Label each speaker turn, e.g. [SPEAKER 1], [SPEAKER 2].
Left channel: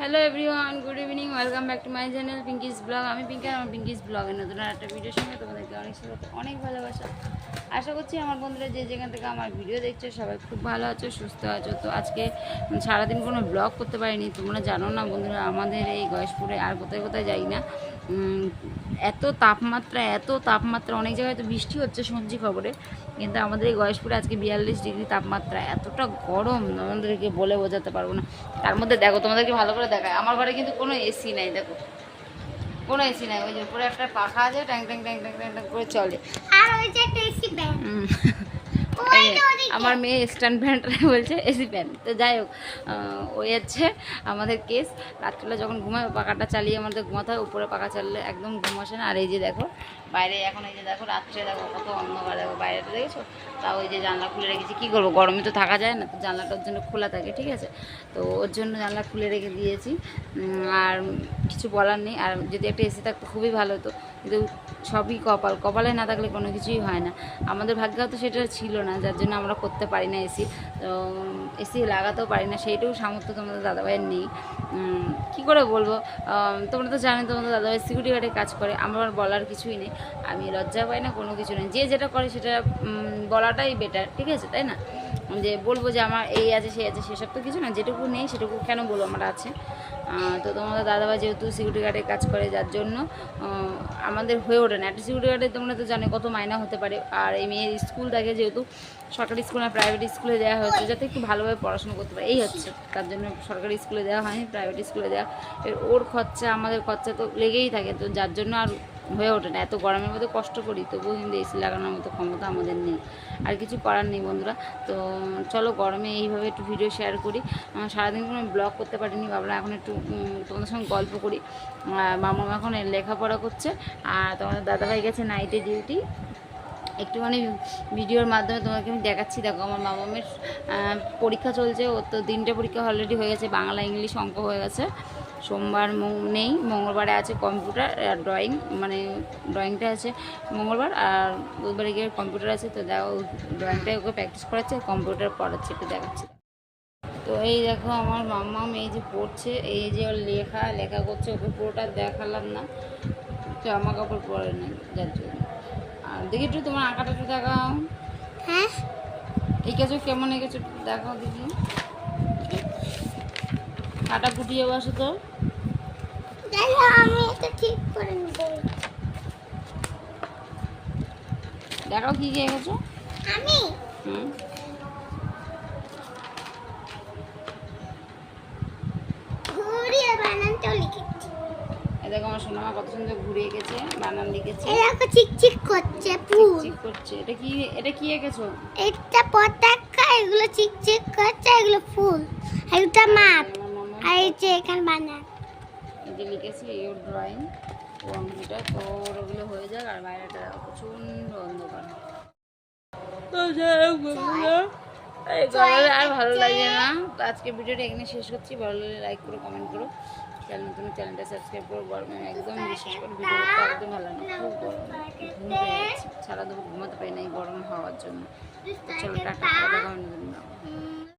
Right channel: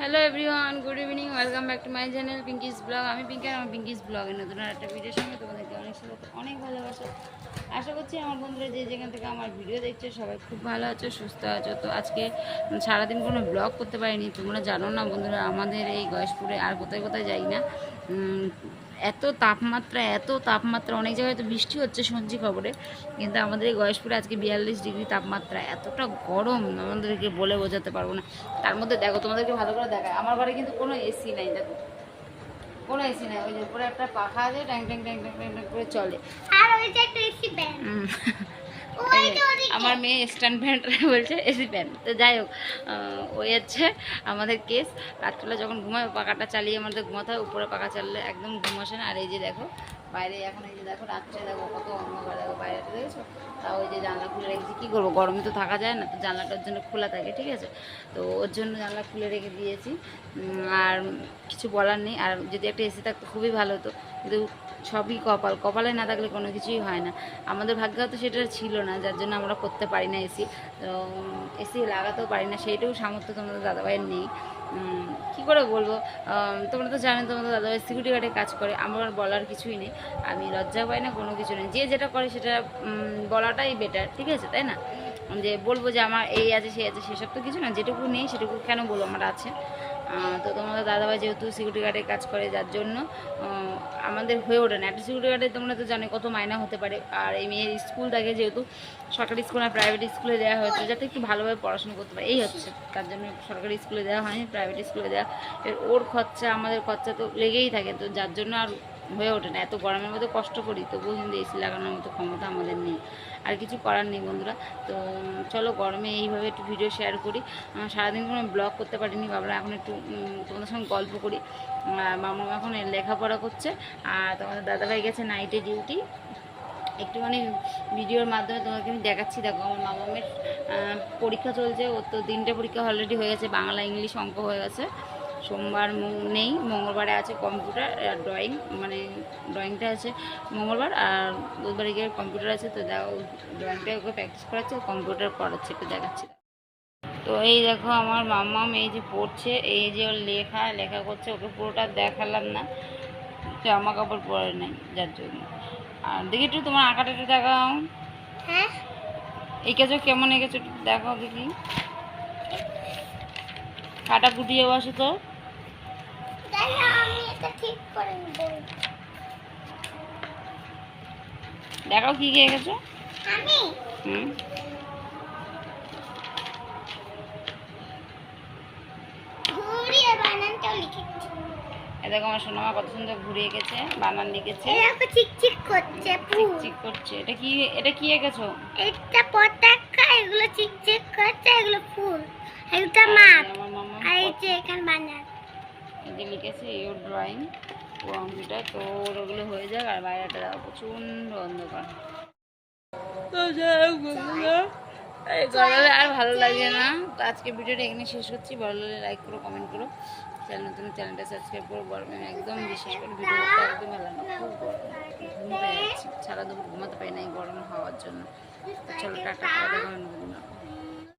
[SPEAKER 1] Hello everyone good evening welcome back to my channel Pinky's blog আমি পিঙ্কি আমার পিঙ্কিস ব্লগের নতুন একটা ভিডিওর সঙ্গে তোমাদেরকে অনেক স্বাগত অনেক ভালোবাসা। আশা করছি আমার বন্ধুরা যে যেখান থেকে আমার ভিডিও দেখছ, সবাই খুব ভালো আছো, সুস্থ আছো। তো আজকে সারাদিন কোনো ব্লগ করতে পারিনি, তোমরা জানো না বন্ধুরা, আমাদের এই গয়েশপুরে আর কোথায় কোথায় যাই না। এত তাপমাত্রা এত তাপমাত্রা, অনেক জায়গায় তো বৃষ্টি হচ্ছে, শুনছি খবরে। কিন্তু আমাদের এই গয়েশপুরে আজকে বিয়াল্লিশ ডিগ্রি তাপমাত্রা, এতটা গরম তোমাদেরকে বলে বোঝাতে পারব না। তার মধ্যে দেখো, তোমাদেরকে ভালো করে দেখায়। আমার ঘরে কিন্তু কোনো এসি নাই দেখো। কোনো এসি নাই ওই যে উপরে একটা পাখা আছে ট্যাং ট্যাং ট্যাং ট্যাং ট্যাং করে চলে।
[SPEAKER 2] আর ওই যে একটা এসি ব্যাগ
[SPEAKER 1] আমার মেয়ে স্ট্যান্ড প্যান্ট বলছে, এসি প্যান্ট। তো যাই হোক ওই হচ্ছে আমাদের কেস। রাত্রিবেলা যখন ঘুমায় পাখাটা চালিয়ে আমাদের ঘুমাতে হয়, উপরে পাখা চাললে একদম ঘুম আসে না। আর এই যে দেখো, বাইরে এখন এই যে দেখো, রাত্রে দেখো কত অন্ধকার, দেখো বাইরেটা দেখেছ? তা ওই যে জানলা খুলে রেখেছি। কী করব, গরমে তো থাকা যায় না, তো জানলাটার জন্য খোলা থাকে, ঠিক আছে? তো ওর জন্য জানলা খুলে রেখে দিয়েছি। আর কিছু বলার নেই। আর যদি একটা এসি থাকতো, খুবই ভালো হতো। কিন্তু সবই কপাল। কপালে না থাকলে কোনো কিছুই হয় না। আমাদের ভাগ্য তো সেটা ছিল না। যার জন্য আমরা করতে পারি না এসি। তো এসি লাগাতেও পারি না সেইটাও সামর্থ্য তোমাদের দাদাভাইয়ের নেই। কি করে বলব? তোমরা তো জানো তোমাদের দাদাভাই সিকিউরিটি গার্ডে কাজ করে, আমার বলার কিছুই নেই। আমি লজ্জা পাই না, কোনো কিছু নেই। যে যেটা করে সেটা বলাটাই বেটার ঠিক আছে, তাই না? যে বলব যে আমার এই আছে, সেই আছে, সেসব তো কিছু না, যেটুকু নেই সেটুকু কেন বলব? আমার আছে। তো তোমাদের দাদাভাই যেহেতু সিকিউরিটি গার্ডে কাজ করে, যার জন্য আমাদের হয়ে ওঠে না। একটা সিকিউরিটি গার্ডে তোমরা তো জানো কত মাইনা হতে পারে। আর এই মেয়ের স্কুলটাকে যেহেতু সরকারি স্কুল আর প্রাইভেট স্কুলে দেওয়া হয়েছে, যাতে একটু ভালোভাবে পড়াশোনা করতে পারে। এই হচ্ছে, তার জন্য সরকারি স্কুলে দেওয়া হয়নি প্রাইভেট স্কুলে দেওয়া এর ওর খরচা, আমাদের খরচা তো লেগেই থাকে। তো যার জন্য আর হয়ে ওঠে না। এত গরমের মধ্যে কষ্ট করি, তবুও কিন্তু এসি লাগানোর মতো ক্ষমতা আমাদের নেই। আর কিছু করার নেই বন্ধুরা। তো চলো গরমে এইভাবে একটু ভিডিও শেয়ার করি। সারাদিন কোনো ব্লগ করতে পারিনি, ভাবলাম এখন একটু তোমাদের সঙ্গে গল্প করি। মামা এখন লেখাপড়া করছে, আর তোমাদের দাদাভাই গেছে নাইটে ডিউটি একটুখানি ভিডিওর মাধ্যমে তোমাকে আমি দেখাচ্ছি। দেখো আমার মামামের পরীক্ষা চলছে, ওর তো তিনটে পরীক্ষা অলরেডি হয়ে গেছে, বাংলা, ইংলিশ অঙ্ক হয়ে গেছে। সোমবার নেই মঙ্গলবারে আছে কম্পিউটার আর ড্রয়িং মানে ড্রয়িংটা আছে মঙ্গলবার আর বুধবারে গিয়ে কম্পিউটার আছে তো দেখো ড্রয়িংটা ওকে প্র্যাকটিস করাচ্ছে কম্পিউটার পড়াচ্ছে একটু দেখাচ্ছি। তো এই দেখো আমার মাম্মাম এই যে পড়ছে এই যে ওর লেখা লেখা করছে ওকে পুরোটা দেখালাম না জামা কাপড় পরে নাই যার জন্য। আর দেখি একটু তোমার আঁকাটা একটু দেখাও।
[SPEAKER 2] হ্যাঁ।
[SPEAKER 1] এঁকেছো কেমন এঁকেছো দেখাও দেখি। কাটা কুটিয়ে বসো তো।
[SPEAKER 2] আমি এটা ঠিক করে নেব।
[SPEAKER 1] দেখাও কী কী এঁকেছো
[SPEAKER 2] আমি?
[SPEAKER 1] হুম।
[SPEAKER 2] ঘুরিয়ে বানানটাও লিখেছি।
[SPEAKER 1] এ দেখো আমার সোনামা কত সুন্দর ঘুরে এঁকেছে বানান লিখেছে।
[SPEAKER 2] চিকচিক করছে
[SPEAKER 1] চিকচিক করছে। এটা কি এটা কি এঁকেছো?
[SPEAKER 2] এটা পতাকা এগুলো চিকচিক করছে এগুলো ফুল। এটা আর এই যে এখানে বানান।
[SPEAKER 1] এই এই ড্রয়িং ও অঙ্কটা তো ওর ওগুলো হয়ে যাক আর বাইরেটা প্রচণ্ড অন্ধকার। আর ভালো লাগে না। তো আজকে ভিডিওটা এখানে শেষ করছি। ভালো লাগলে লাইক করো কমেন্ট করো। চ্যানেল নতুন চ্যানেলটা সাবস্ক্রাইব করো গরমে একদম বিশেষ করে, ভিডিও করতে একদম ভালো না। খুব গরম, ঘুম পেয়ে যাচ্ছে। সারা দুপুর ঘুমাতে পারি না এই গরম হওয়ার জন্য। চলো টাটা দেখা।